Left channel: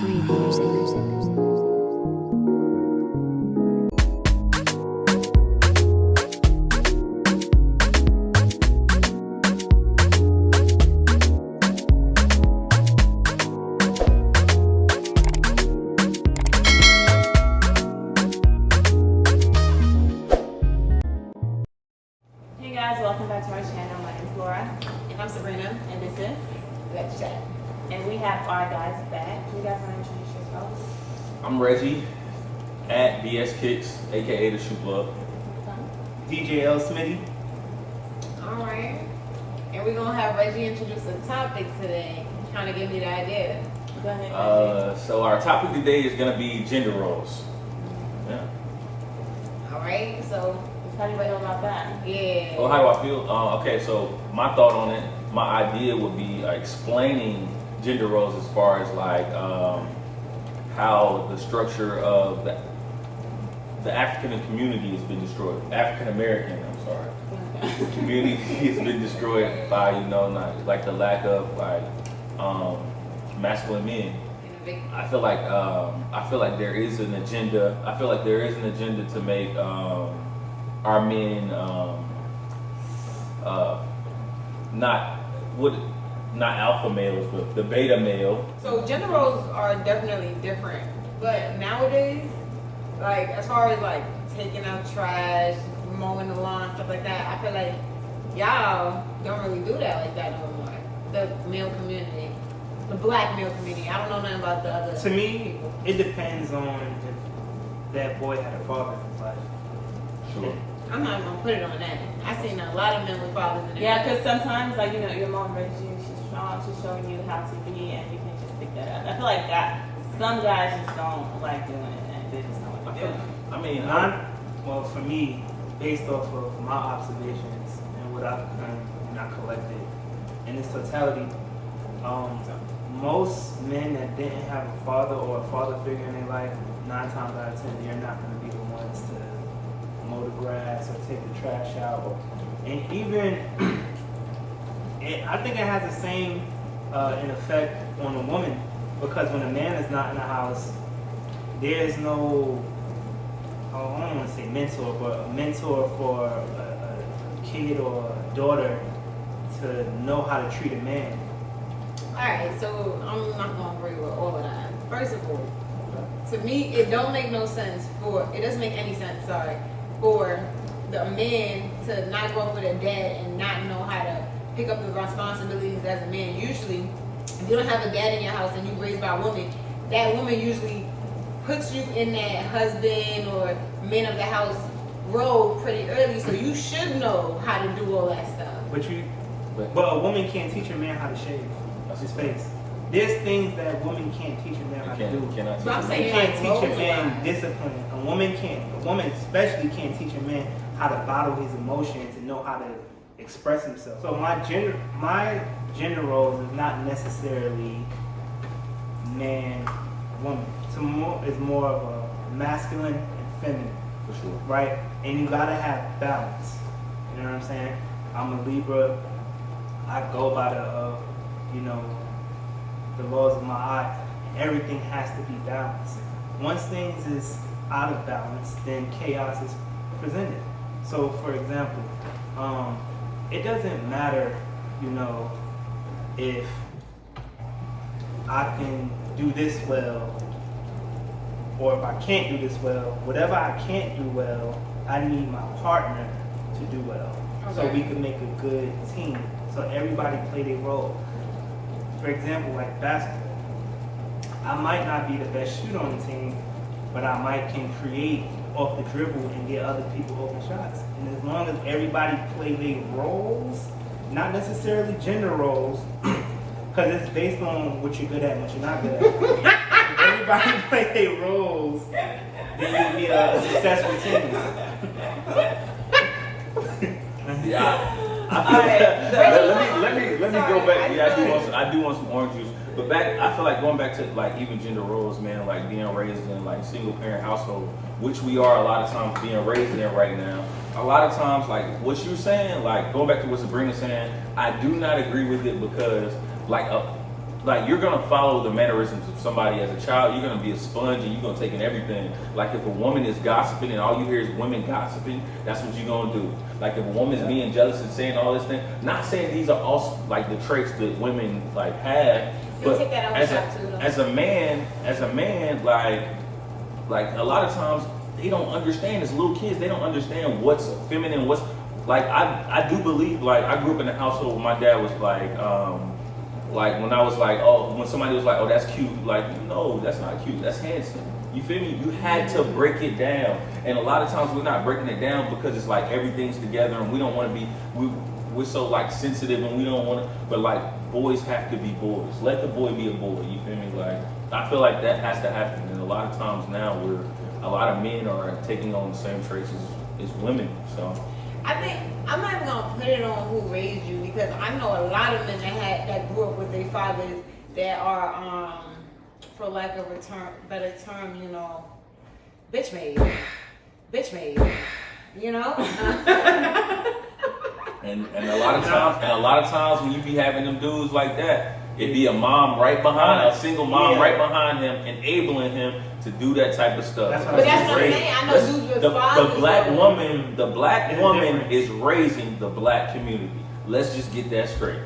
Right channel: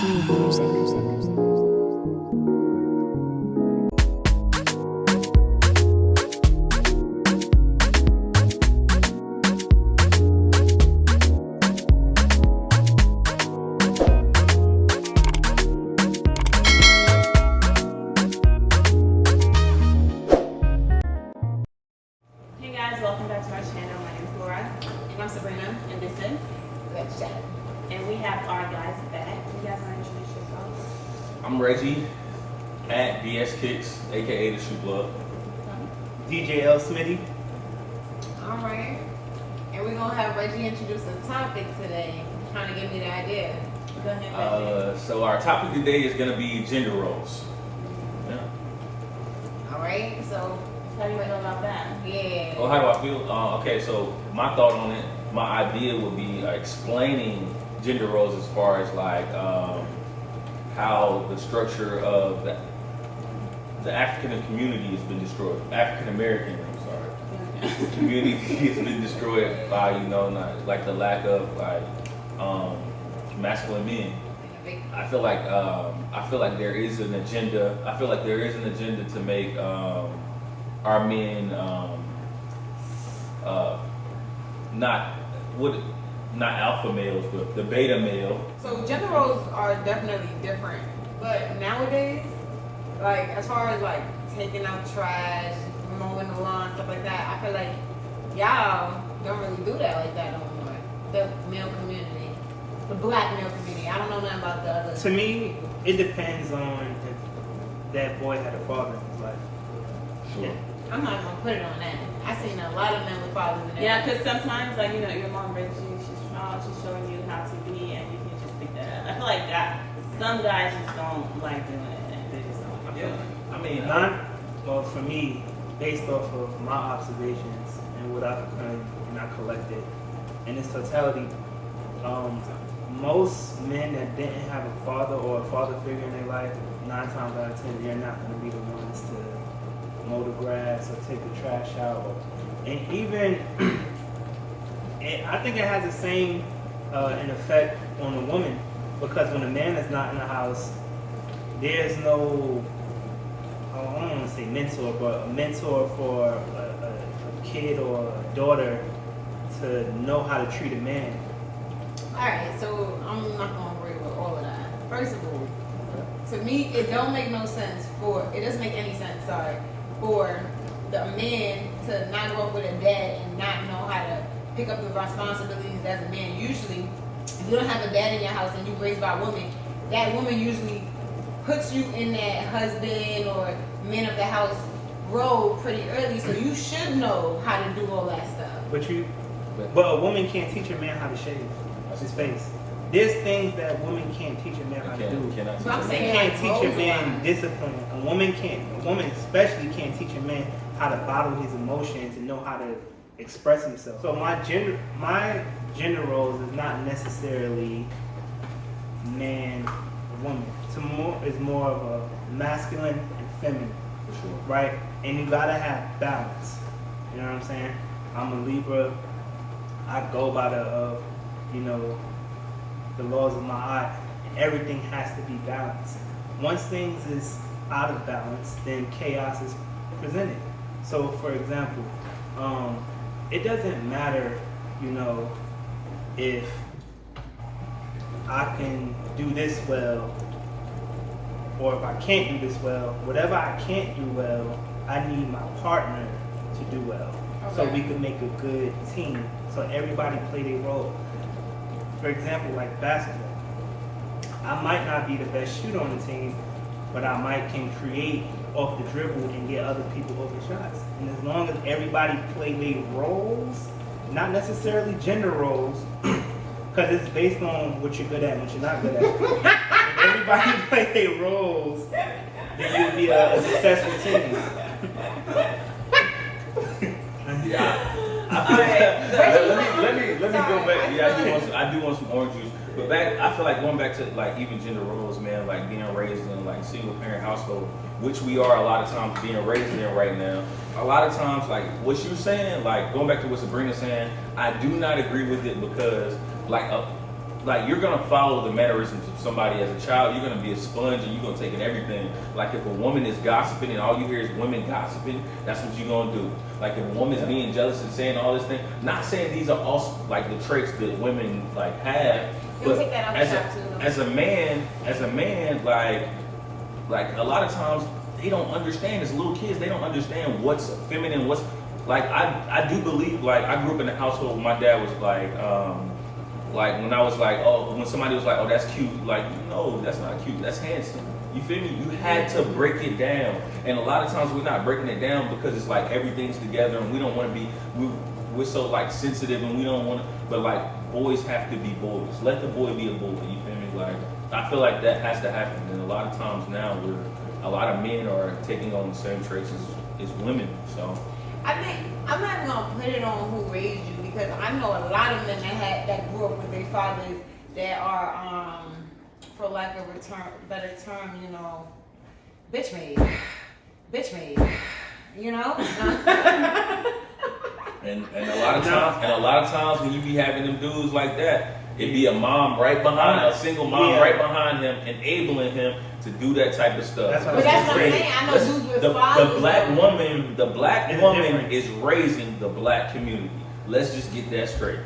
Breathe music. Hey guys, welcome back to our channel. My name is Laura. And I'm Sabrina, And this is, let's chat. and we have our guys back. You guys want to introduce yourselves? I'm Reggie at BS Kicks, aka the Shoe Plug. DJ L. Smitty. All right. And we're going to have Reggie introduce a topic today. Trying to give me the idea. Go ahead. So our topic today is gonna be gender roles. Yeah. All right. So, How do you feel about that? yeah. Oh, how do I feel? Okay, so my thought on it, my idea would be explaining gender roles as far as how the structure of the African community has been destroyed. African American, I'm sorry. The community has been destroyed by like the lack of masculine men. I feel like there is an agenda. I feel like there is an agenda to make our men not alpha males, but the beta male. So, gender roles are definitely different. But nowadays, like, as far as, like, taking out trash, mowing the lawn, stuff like that, I feel like y'all don't really do that like that no more. The male community. The black male community. I don't know nothing about the other. To me, it depends on if that boy had a father in his life. Sure. I'm not gonna put it on that. I've seen a lot of men with fathers in that. Yeah, because sometimes, like, your mom brings you, she's showing you how to be, and you can just pick that up. I feel like some guys just don't like doing it, and they just don't do it. I mean, Well, for me, based off of my observations and what I've learned and I collected in its totality, most men that didn't have a father or a father figure in their life, 9 times out of 10, they're not going to be the ones to mow the grass or take the trash out. And even, and I think it has the same an effect on a woman, because when a man is not in the house, there's no, I don't want to say mentor, but a mentor for a kid or a daughter to know how to treat a man. Alright, so I'm not gonna agree with all of that. First of all, to me it doesn't make any sense, for the man to not grow up with a dad and not know how to pick up the responsibilities as a man. Usually, if you don't have a dad in your house and you're raised by a woman, that woman usually puts you in that husband or man of the house role pretty early, so you should know how to do all that stuff. But a woman can't teach a man how to shave his face. There's things that a woman can't teach a man how to do. Cannot So I'm teach saying- They can't teach a man discipline. A woman especially can't teach a man how to bottle his emotions and know how to express himself. So my gender roles is not necessarily man, woman. It's more of a masculine and feminine, for sure. right? And you gotta have balance. You know what I'm saying? I'm a Libra. I go by the laws of my eye, and everything has to be balanced. Once things is out of balance, then chaos is presented. So, for example, it doesn't matter, if I can do this well, or if I can't do this well. Whatever I can't do well, I need my partner to do well, so Okay. we can make a good team. So everybody play their role. For example, like basketball, I might not be the best shooter on the team, but I might can create off the dribble and get other people open shots. And as long as everybody play their roles, not necessarily gender roles, because it's based on what you're good at and what you're not good at. If everybody play their roles, then you'll be a successful team. Yeah. Let me go back. Yeah, I do want some orange juice. But I feel like going back to like even gender roles, man, like being raised in like single parent household, which we are a lot of times being raised in right now. A lot of times, like what you're saying, like going back to what Sabrina's saying, I do not agree with it because like like you're gonna follow the mannerisms of somebody as a child. You're gonna be a sponge and you're gonna take in everything. Like if a woman is gossiping and all you hear is women gossiping, that's what you're gonna do. Like if a woman's being jealous and saying all this thing, not saying these are also like the traits that women like have, You'll but take that out as shot too. as a man, like a lot of times they don't understand. As little kids, they don't understand what's feminine, what's like. I do believe, like I grew up in a household where my dad was like when I was like, oh, when somebody was like, oh, that's cute, like, no, that's not cute, that's handsome. You feel me? You had to break it down. And a lot of times we're not breaking it down because it's like everything's together and we don't want to be, we're so like sensitive and we don't want to, but like boys have to be boys. Let the boy be a boy, you feel me? Like, I feel like that has to happen. And a lot of times now a lot of men are taking on the same traits as women, so. I think I'm not even gonna put it on who raised you because I know a lot of men that grew up with their fathers that are, for lack of a better term, you know, bitch made, you know. And a lot of times when you be having them dudes like that, it'd be a mom right behind, a single mom right behind him, enabling him to do that type of stuff. That's what But that's what I'm saying. I know dudes with the fathers. the black There's a woman difference. is raising the black community. Let's just get that straight.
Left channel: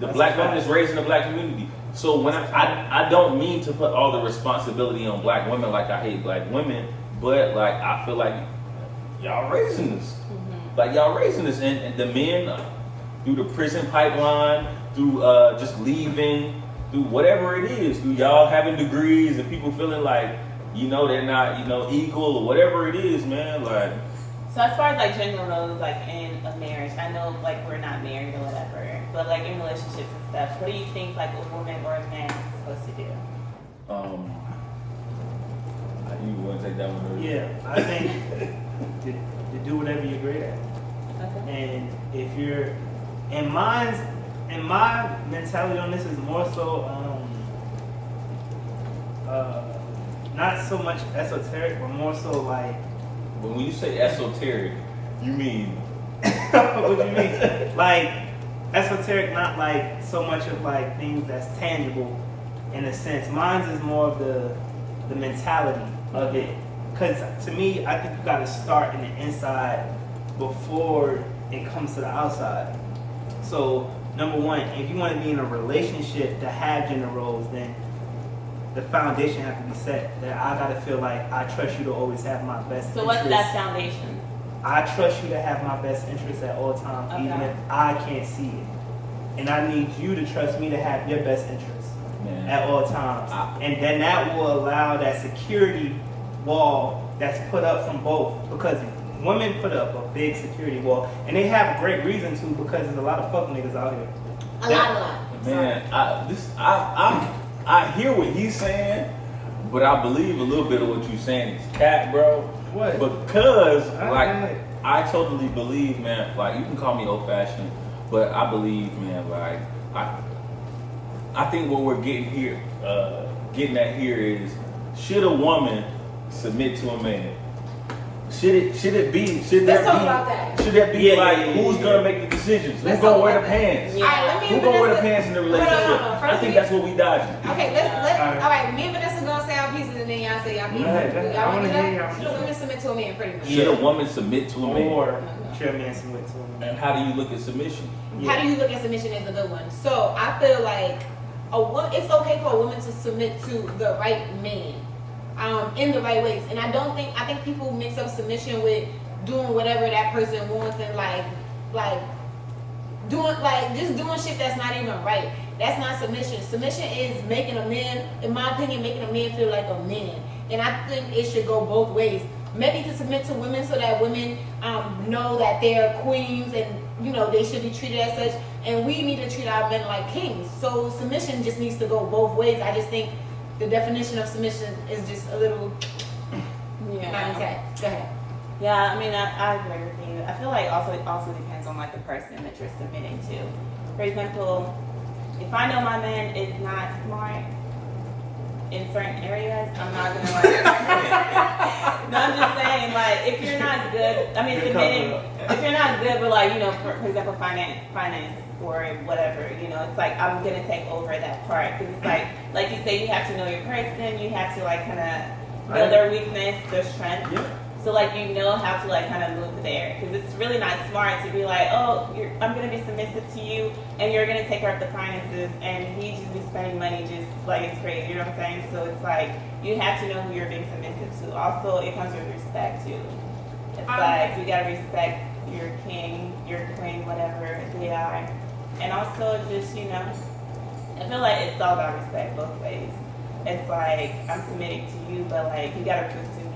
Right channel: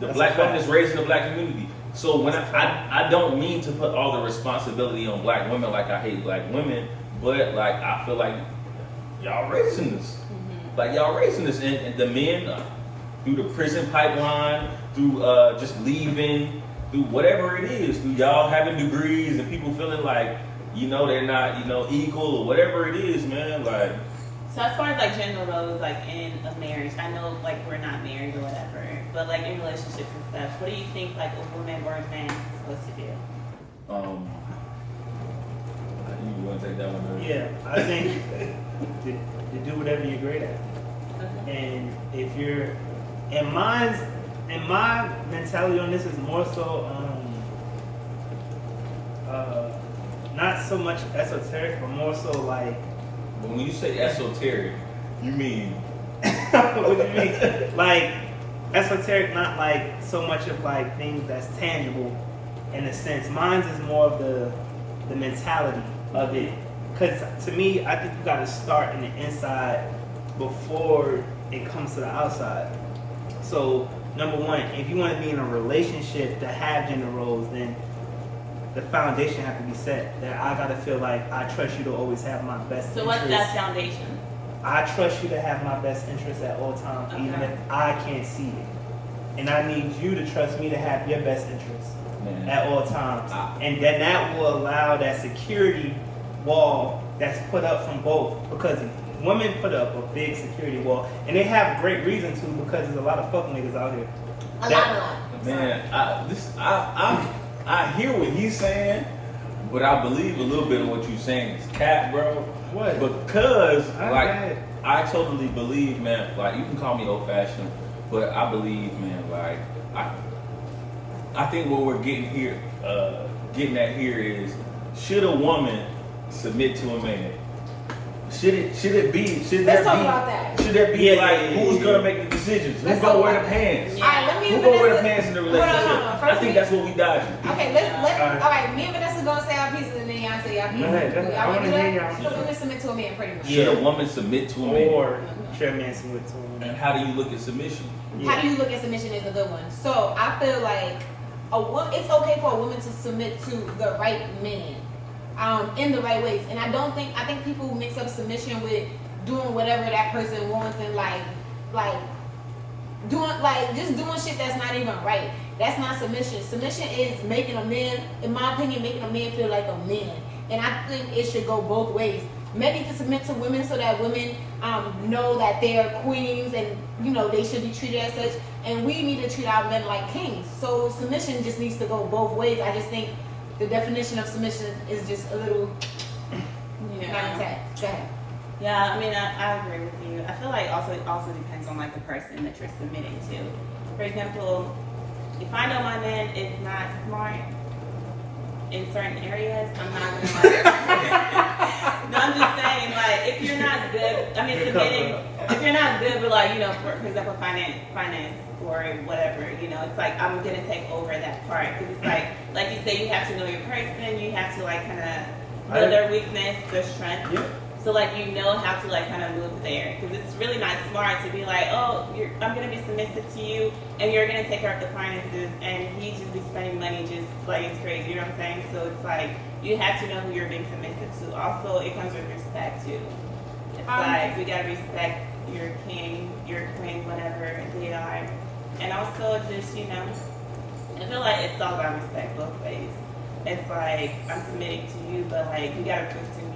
The That's black a woman fact. is raising the black community. So when I don't mean to put all the responsibility on black women, like I hate black women, but like I feel like y'all raising this. Like y'all raising this, and the men through the prison pipeline, through just leaving, through whatever it is, through y'all having degrees and people feeling like, you know, they're not, you know, equal or whatever it is, man. Like, So as far as like gender roles, like in a marriage, I know like we're not married or whatever, but like in relationships and stuff, what do you think like a woman or a man is supposed to do? I think you want to take that one. Yeah, I think to do whatever you're great at. Okay. And if you're, and my mentality on this is more so, not so much esoteric, but more so like, But when you say esoteric, you mean what do you mean? Like, esoteric, not like so much of like things that's tangible in a sense. Mine is more of the mentality of it. Because to me, I think you got to start in the inside before it comes to the outside. So, number one, if you want to be in a relationship to have gender roles, then the foundation have to be set. That I got to feel like I trust you to always have my best So interest. what's that foundation? I trust you to have my best interest at all times, even Okay. if I can't see it. And I need you to trust me to have your best interest Man. at all times. And then that will allow that security wall that's put up from both. Because women put up a big security wall, and they have great reason to, because there's a lot of fuck niggas out here. A That- lot. Man, I hear what he's saying, but I believe a little bit of what you're saying is cap, bro. What? Because I like got it. I totally believe, man. Like you can call me old fashioned, but I believe, man. Like I think what we're getting at here is, should a woman submit to a man? Should there talk about that. Should there be Yeah, like yeah, who's yeah. gonna make the decisions? Let's Who's gonna talk wear the about that. pants? Yeah. All right, let me Who and gonna wear the Vanessa- pants in the Hold on, relationship? hold on. I First think we- that's what we dodging. Okay, let's Alright. all right. Me and Vanessa gonna say our pieces, and then y'all say y'all pieces. Go ahead. I wanna hear y'all. Should a woman submit to a man, pretty much? Should a woman submit to a man? Or should a man submit to a And woman? how do you look at submission? How do you look at submission as a good one? So I feel like it's okay for a woman to submit to the right man, in the right ways. And I think people mix up submission with doing whatever that person wants and like doing shit that's not even right. That's not submission. Submission is making a man, in my opinion, making a man feel like a man. And I think it should go both ways. Maybe to submit to women so that women know that they're queens and you know they should be treated as such. And we need to treat our men like kings. So submission just needs to go both ways. I just think the definition of submission is just a little not intact. Go ahead. Yeah, I mean, I agree with you. I feel like it also depends on like the person that you're submitting to. For example, if I know my man is not smart in certain areas, I'm not gonna like. No, I'm just saying, like, if you're not good, I mean, Good submitting. cover. If if you're not good with like, for example, finance or whatever, it's like I'm gonna take over that part because it's like you say, you have to know your person, you have to like kind of know their weakness, their strength. Yeah. So like how to like kind of move there because it's really not smart to be like, oh, I'm gonna be submissive to you and you're gonna take care of the finances and he just be spending money just like it's crazy. You know what I'm saying? So it's like you have to know who you're being submissive to. Also, it comes with respect too. It's like you gotta respect your king, your queen, whatever they are, and also just I feel like it's all about respect both ways. It's like I'm submitting to you, but like you gotta prove to me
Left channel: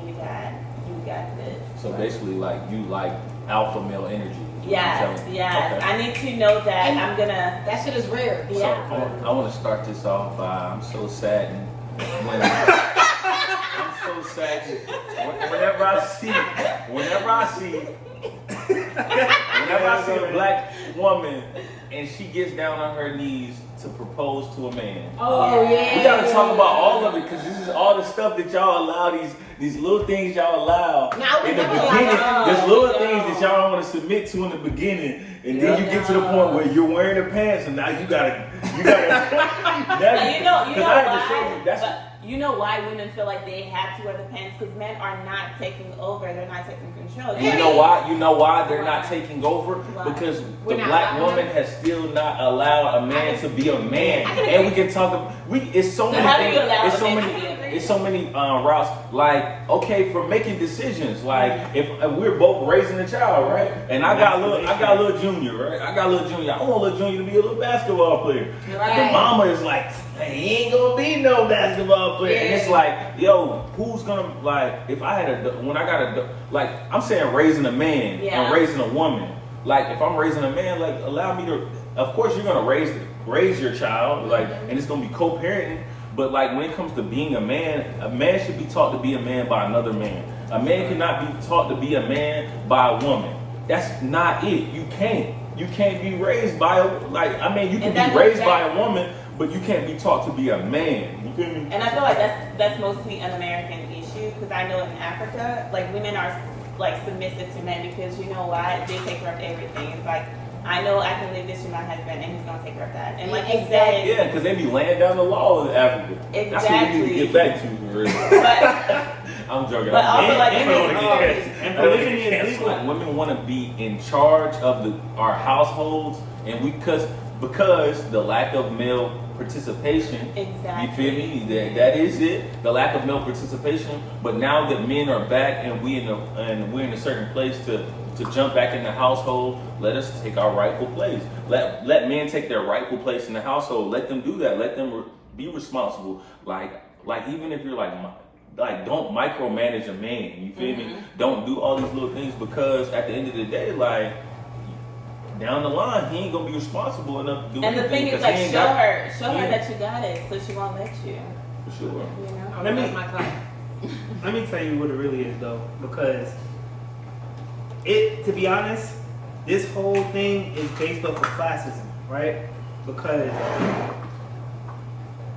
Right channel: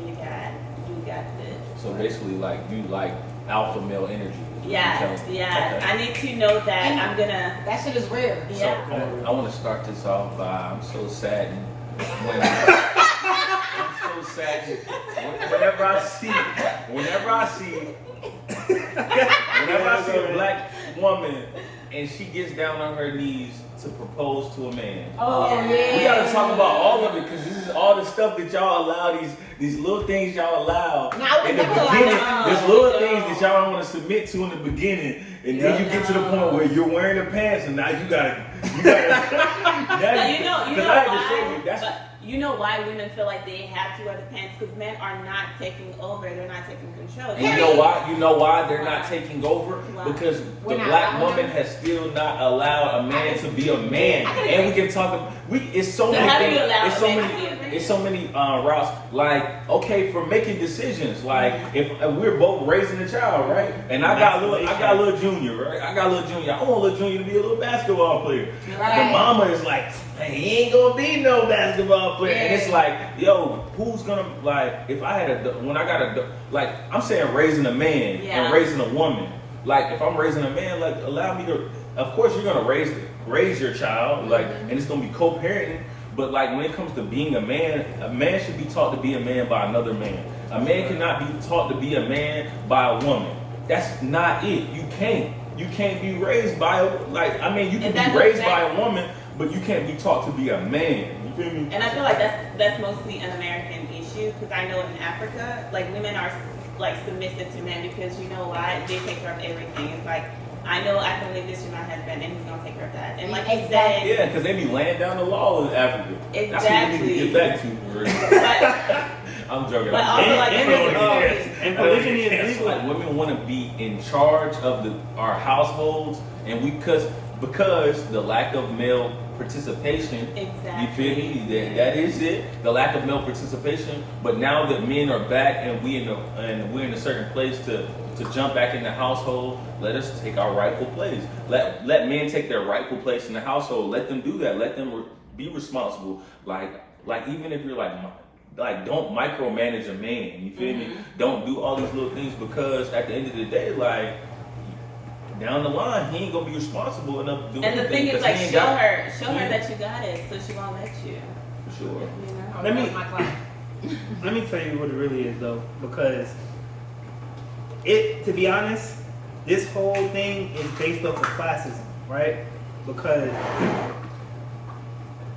you got this. So basically, like you like alpha male energy. Yes. Okay. I need to know that I'm gonna. That shit is rare. Yeah. So I want to start this off by I'm so saddened when I'm so saddened whenever I see a black woman and she gets down on her knees to propose to a man. Oh yeah. We gotta talk about all of it because this is all the stuff that y'all allow, these little things y'all allow Now we in the never beginning. allow. There's little things that y'all don't want to submit to in the beginning, and then you get to the point where you're wearing the pants, and now you gotta. And you know because I have to show you, that's. you know why women feel like they have to wear the pants because men are not taking over. They're not taking control. And you know why? You know why they're not taking over? Why? Because We're the not black allowing woman them. has still not allowed a man to be a man. I can And we can talk about it's so many how do things. you allow It's so a man many. to be a man? It's so many routes. Like okay, for making decisions. Like if we're both raising a child, right? And I got little Junior, right? I got little Junior. I want little Junior to be a little basketball player. Right. The mama is like, hey, he ain't gonna be no basketball player. And it's like, yo, who's gonna like? If I had I'm saying raising a man and raising a woman. Like if I'm raising a man, like allow me to. Of course, you're gonna raise your child, like, and it's gonna be co-parenting. But like when it comes to being a man should be taught to be a man by another man. A man cannot be taught to be a man by a woman. That's not it. You can't be raised by you can be raised by a woman, but you can't be taught to be a man. You feel me? And I feel like that's mostly an American issue because I know in Africa, like women are like submissive to men because you know why? They take care of everything. It's like I know I can leave this to my husband and he's gonna take care of that. And like you said, yeah, because they be laying down the law in Africa. Exactly. That's what we need to get back to. Really. I'm joking. But also, like, and polygyny is legal. Like women want to be in charge of our households, and because the lack of male participation. Exactly. You feel me? That is it. The lack of male participation. But now that men are back and we're in a certain place to jump back in the household, let us take our rightful place. Let men take their rightful place in the household. Let them do that. Let them be responsible. Like even if you're like don't micromanage a man. You feel me? Don't do all these little things because at the end of the day, like down the line, he ain't gonna be responsible enough to do and anything. the thing is, like, show her Yeah. that you got it, so she won't let you. For sure. Let me tell you what it really is though, because to be honest, this whole thing is based off of classism, right? Because,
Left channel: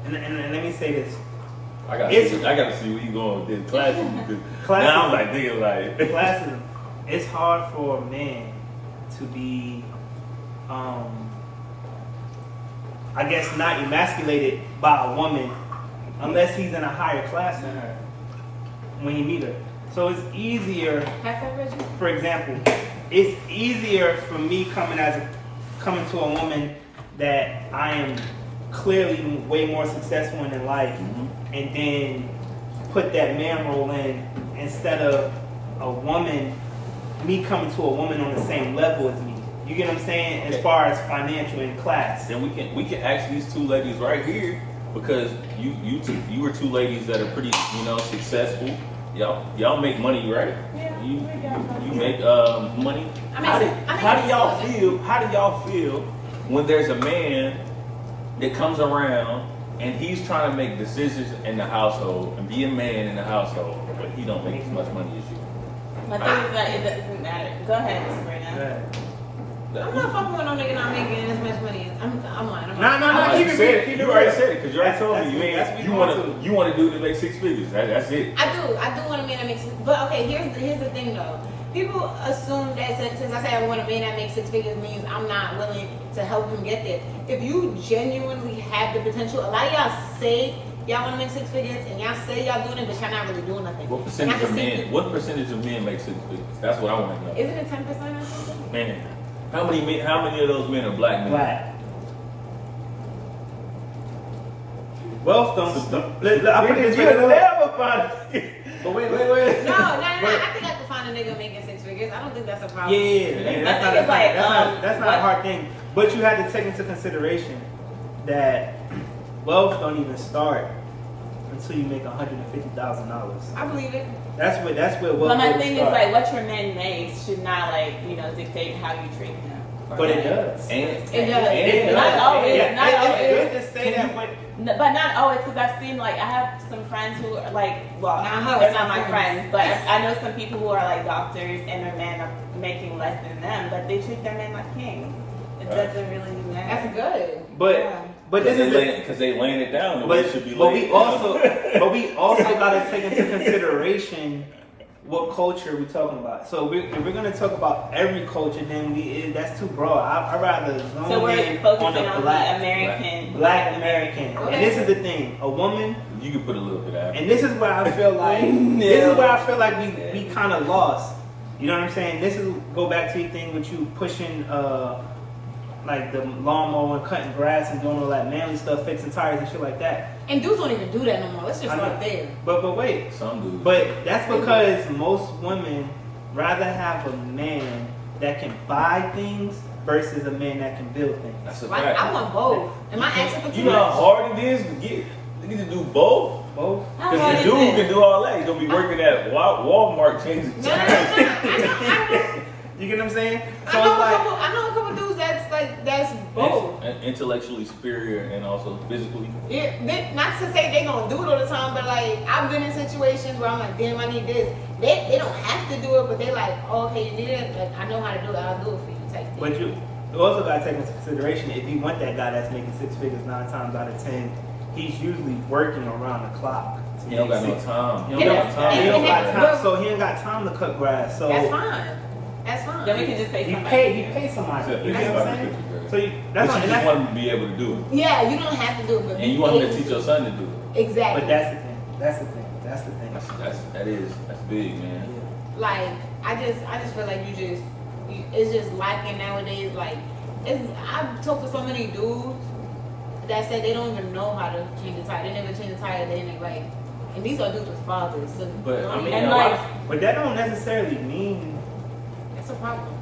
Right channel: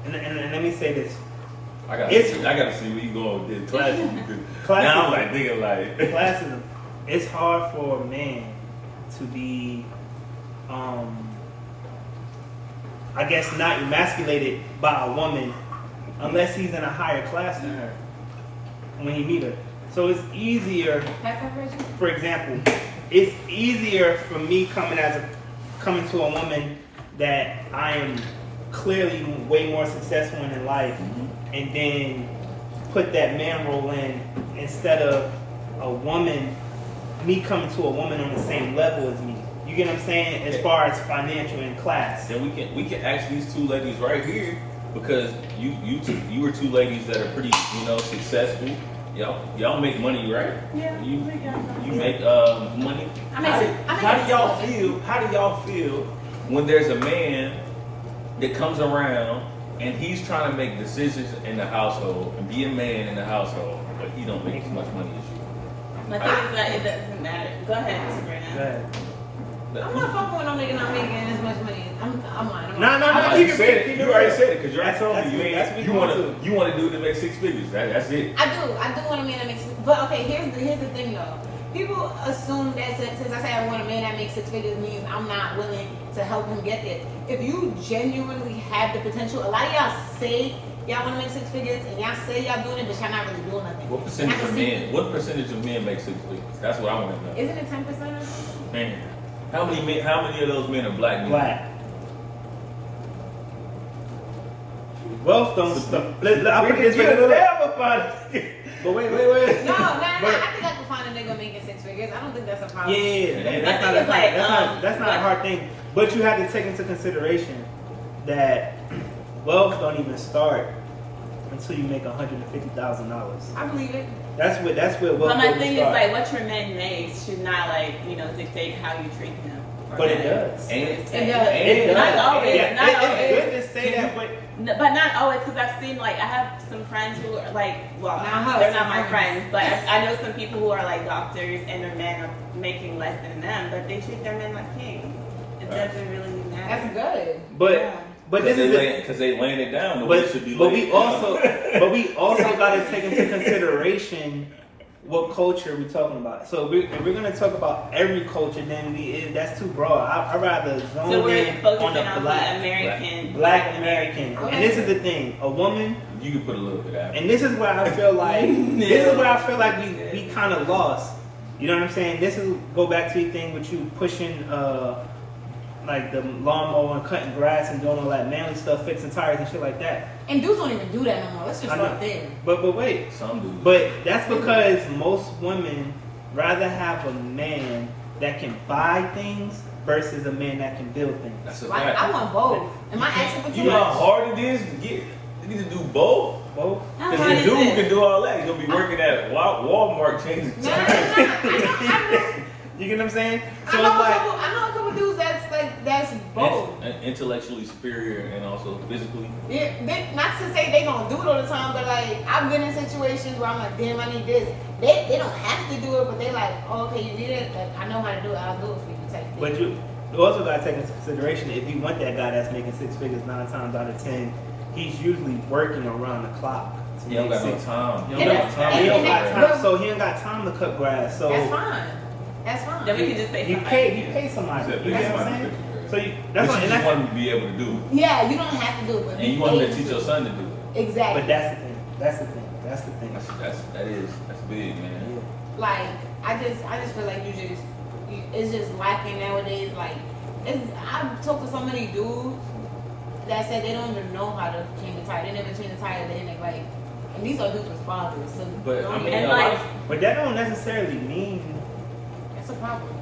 and let me say this. I gotta see where you going with this classism because Classism. now I'm like thinking like Classism. It's hard for a man to be, I guess, not emasculated by a woman unless he's in a higher class than her when you meet her. So it's easier, for example, it's easier for me coming to a woman that I am clearly way more successful in life, and then put that man role in instead of me coming to a woman on the same level as me. You get what I'm saying? As far as financial and class. then we can ask these two ladies right here because you were two ladies that are pretty successful. Y'all make money, right? Yeah, You make money. How do y'all feel when there's a man that comes around and he's trying to make decisions in the household and be a man in the household, but he don't make as much money as you? My thing is that it doesn't matter. Go ahead, Sabrina. I'm not fucking with no nigga not making as much money. I'm lying. No, keep it real. Keep it You already real. said it because you already told me That's what you want to do it to make 6 figures. That's it. I do want a man that makes. But okay, here's the thing though. People assume that since I say I want a man that makes 6 figures means I'm not willing to help him get there. If you genuinely have the potential, a lot of y'all say y'all want to make 6 figures and y'all say y'all doing it, but y'all not really doing nothing. What percentage of men? What percentage of men make 6 figures? That's what I want to know. Isn't it 10% or something? Man, how many of those men are black men? Black. Wealth don't stop. I put it this way. But wait. No. I think I can find a nigga making 6 figures. I don't think that's a problem. Yeah. That's not a hard thing. But you have to take into consideration that wealth don't even start until you make $150,000. I believe it. That's where wealth. But my really thing is starts. like, what your man makes should not like dictate how you treat him. But it does. It does. It does. Not always. Yeah, Not it's always. good to say that, But not always, because I've seen like I have some friends who are like, well, Now, they're some not my friends. friends, but I know some people who are like doctors and their men are making less than them, but they treat their men like kings. It doesn't really matter. That's good. But this is because they laying it down the way it should be but laid we down. also got to take into consideration what culture we're talking about. So if we're gonna talk about every culture, then that's too broad. I'd rather zone So we're in focusing on the on black American, Black American. Okay. And this is the thing: a woman. You can put a little bit out. And this is where I feel like we kind of lost. You know what I'm saying? This is go back to the thing with you pushing like the lawnmower and cutting grass and doing all that manly stuff, fixing tires and shit like that. And dudes don't even do that no more. Let's just I know. start there. But wait. Some do. But that's because most women rather have a man that can buy things versus a man that can build things. That's a Like, fact. I want both. Am I asking for too You know how much? hard it is to get. You need to do both. Both. How Because hard the is dude it? can do all that. He's gonna be working at Walmart changing No. tires. You get what I'm saying? So I know, it's like I know a couple dudes that's both. And intellectually superior and also physically. Yeah, not to say they gonna do it all the time, but like I've been in situations where I'm like, damn, I need this. They don't have to do it, but they like, oh, okay, you need it. Like, I know how to do it. I'll do it for you. Type thing. But you also got to take into consideration if you want that guy that's making 6 figures 9 times out of 10, he's usually working around the clock. to He don't make got no six. time. He And don't got that's- time. He don't got and- time, so he ain't got time to cut grass. So That's fine. That's fine. Then we can just pay you somebody. pay somebody. Except You pay get what I'm somebody saying? to figure it. So you, But that's what, you and just that's, want him to be able to do it. Yeah, you don't have to do it, but And you want him to teach your son to do it. Exactly. but that's the thing. That's the thing. That's the thing. That's big, man. Like I just feel like it's just lacking nowadays. Like I've talked to so many dudes that said they don't even know how to change the tire. They never change the tire. They didn't like, and these are dudes with fathers. So But, don't I mean, even- And like, But that don't necessarily mean that's a problem.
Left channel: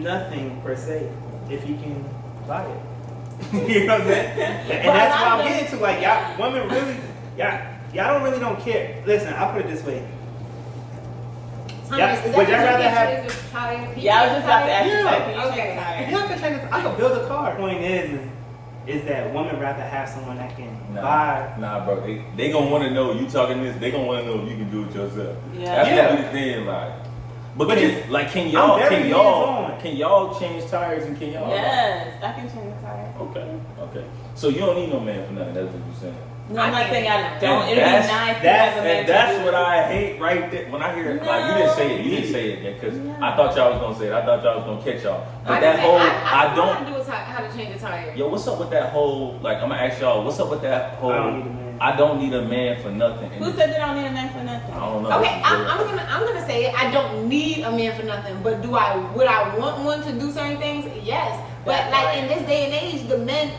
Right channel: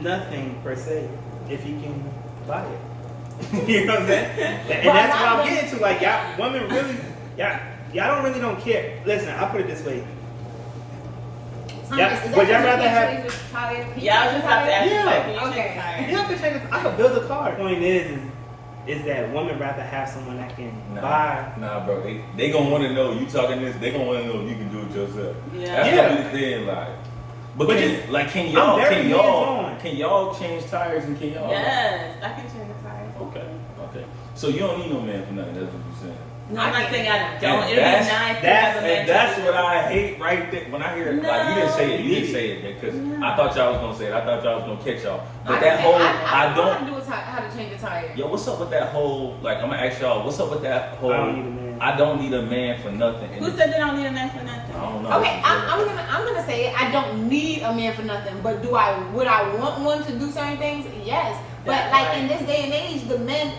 nothing per se if he can buy it. You know what I'm saying? And But that's a what lot I'm of getting to. Like y'all women really y'all don't care. Listen, I'll put it this way. Thomas, is that would y'all what rather you have- change your tire? Can you y'all change just your have to tire? ask Yeah. like, can you Okay. change tires? You know, I could build a car. Point is that women rather have someone that can buy. Nah, bro. They gonna want to know you talking this. They gonna want to know if you can do it yourself. Yeah. That's Yeah. gonna be the thing, like. But But can, just- like, can I'm y'all, very hands-on. can y'all change tires and can y'all? Yes, I can change the tire. Okay. So you don't need no man for nothing. That's what you're saying. No, I'm not saying I don't. And It'd be that's- nice to that's- have a man And to that's do what it. I hate right there. When I hear it, like you didn't say it, you didn't say it because I thought y'all was gonna say it. I thought y'all was gonna catch y'all. But that whole, I I don't. know how to change a tire. Yo, what's up with that whole? Like, I'm gonna ask y'all, what's up with that whole? I don't need a man. I don't need a man for nothing. And Who said they don't need a man for nothing? I don't know. Okay, I'm gonna say it. I don't need a man for nothing, but would I want one to do certain things? Yes. But That's like right. in this day and age, the men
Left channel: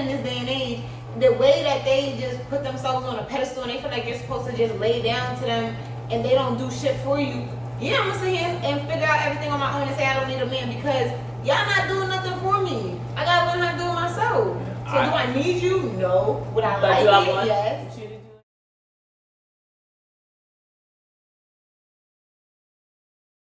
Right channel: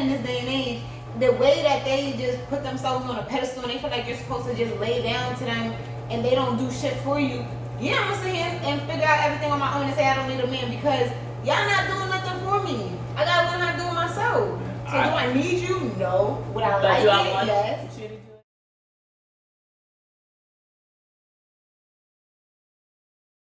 in this day and age, the way that they just put themselves on a pedestal and they feel like you're supposed to just lay down to them and they don't do shit for you. Yeah, I'm gonna sit here and figure out everything on my own and say I don't need a man because y'all not doing nothing for me. I gotta learn how to do it myself. So do I need you? No. Would I But like do I it? want Yes. you to do